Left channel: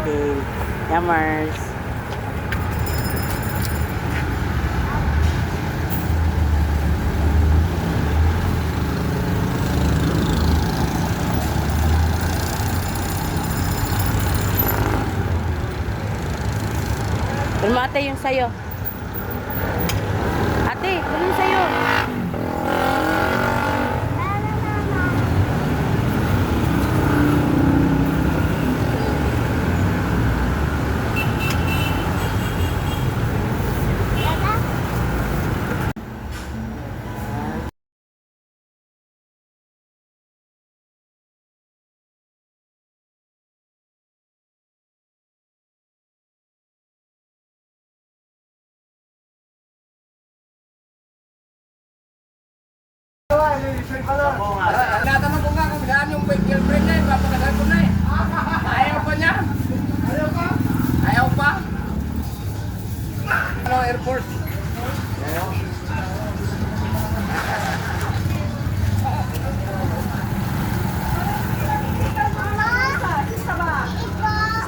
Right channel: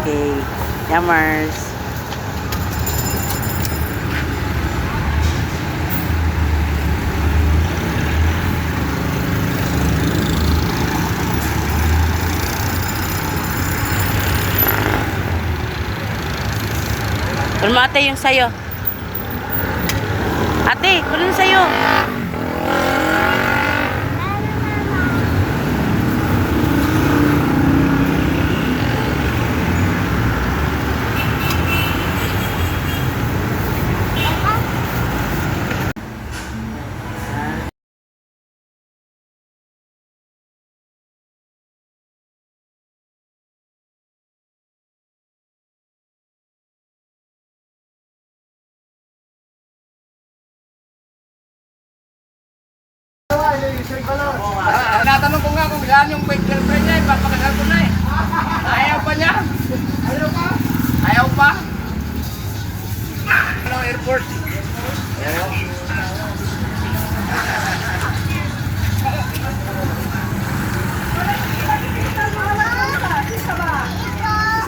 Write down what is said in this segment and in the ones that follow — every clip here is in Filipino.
Okay. Yummers. Kunin mo ate yung sayo. Ate, kunin yung sayo. Natanong ko nga kung saan yung bait girlfriend niya, papakasal ko na eh. Ayaw pa niya? Ayaw pa? Ayaw pa? Ano, airport? Ayaw.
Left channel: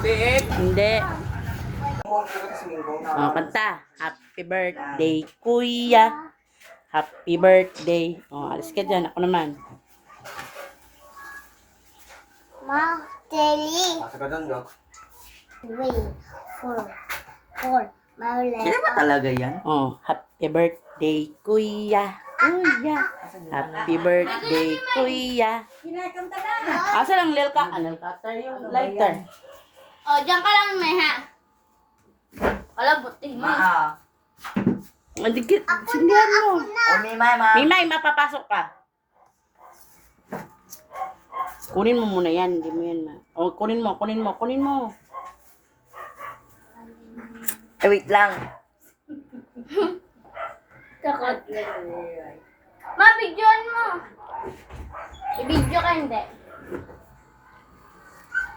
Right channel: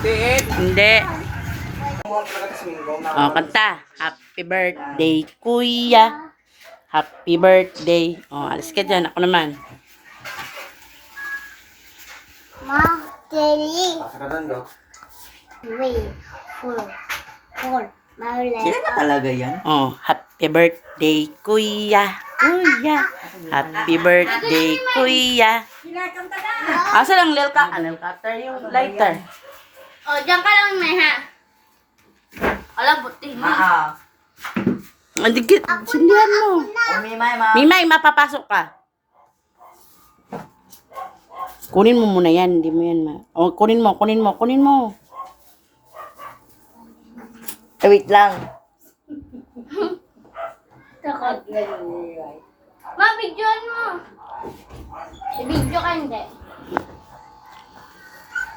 Stay. Hindi. Oh, kanta. Happy birthday, kuya. Happy birthday. Oh, alis ka dyan. Ako naman. Three, four. Maulay. Sino ba talaga yan? Oh, happy birthday, kuya. Kuya. Happy birthday, kuya. Asa lang lil ka? Lil cutter yung lighter. Oh, diyan ka lang, Meha. Ala, buti mo. Andikit. Sindihan mo. O, Mimay, ma. Mimay, mapapasok ka. Kunin mo muna yan. Hindi mo yan Oh, kunin mo. Wait lang. Takot. Ma, videoan mo. I-video ka, hindi.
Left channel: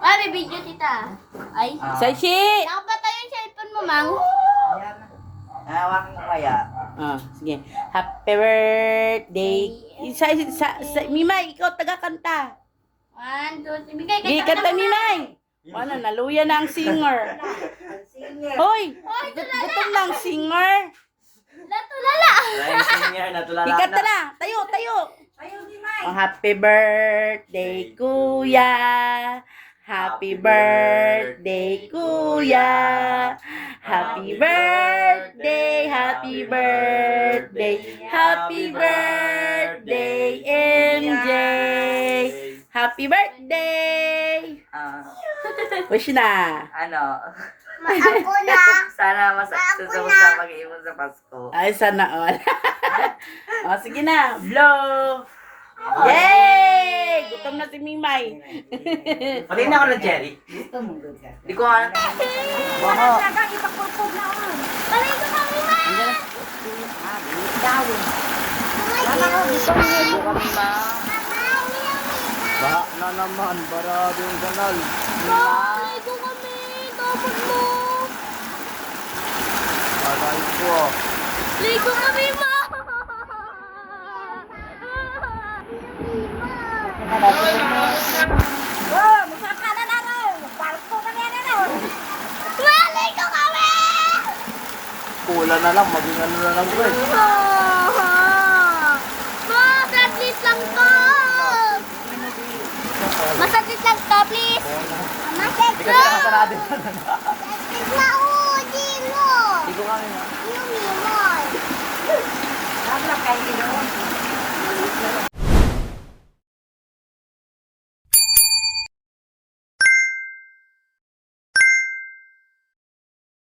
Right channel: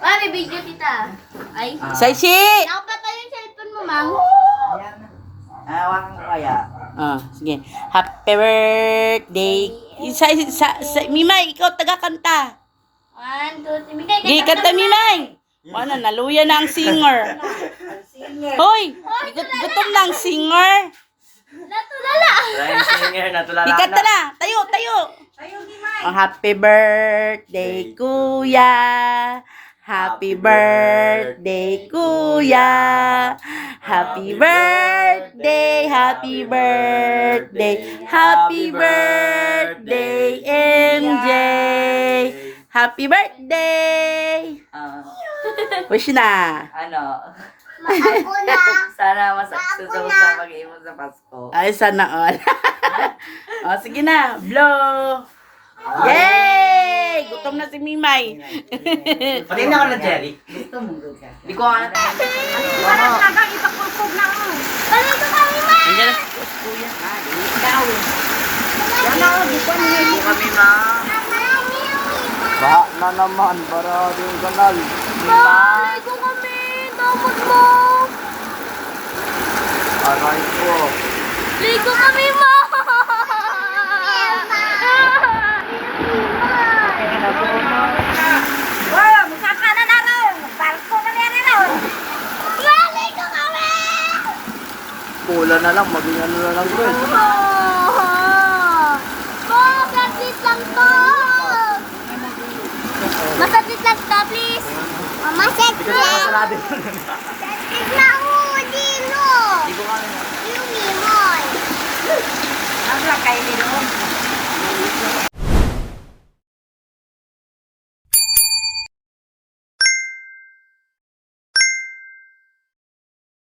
Ma, may video kita. Ay. Saisi! Nakapatay yung cellphone mo, Mang. Ayan. Hawakan ko kaya. Ah, sige. Happy birthday. Mimay, ikaw taga-kanta. 1, 2, 3. Bigay Sige, kanta, Mimay. Wala, naluya na ang singer. Hoy, gutom na ang singer. Natulala. Ikanta na. Tayo. Oh, happy birthday, kuya. Happy birthday, kuya. Happy birthday, happy birthday. Happy birthday, MJ. Happy birthday. Wish na. Ano? Ako na. Sana susunod sa mag-iimon sa Pasko. Ay, sana all. Oh, sige na. Blow. Yay! Gutom na si Mimay. Patingin na ka na, Jerry. Di ko nga. Balik ko kami, Ma. Andiyan na si Kuya. Di kami, ma. Baha na naman, barado yung kanal. Balik ko kami. Dapat mo. Aray ko. Ligo kami, Ma. Wow, masaka na na rin. Barko na na rin. Balik ko kami. Pula na lang, maging ano na lang bro. Masaglit lang to. Masaglit lang to, please. Masaglit. Masaglit na dino. Di ko kami, ma. Yung mimoy. Nasa kayo din,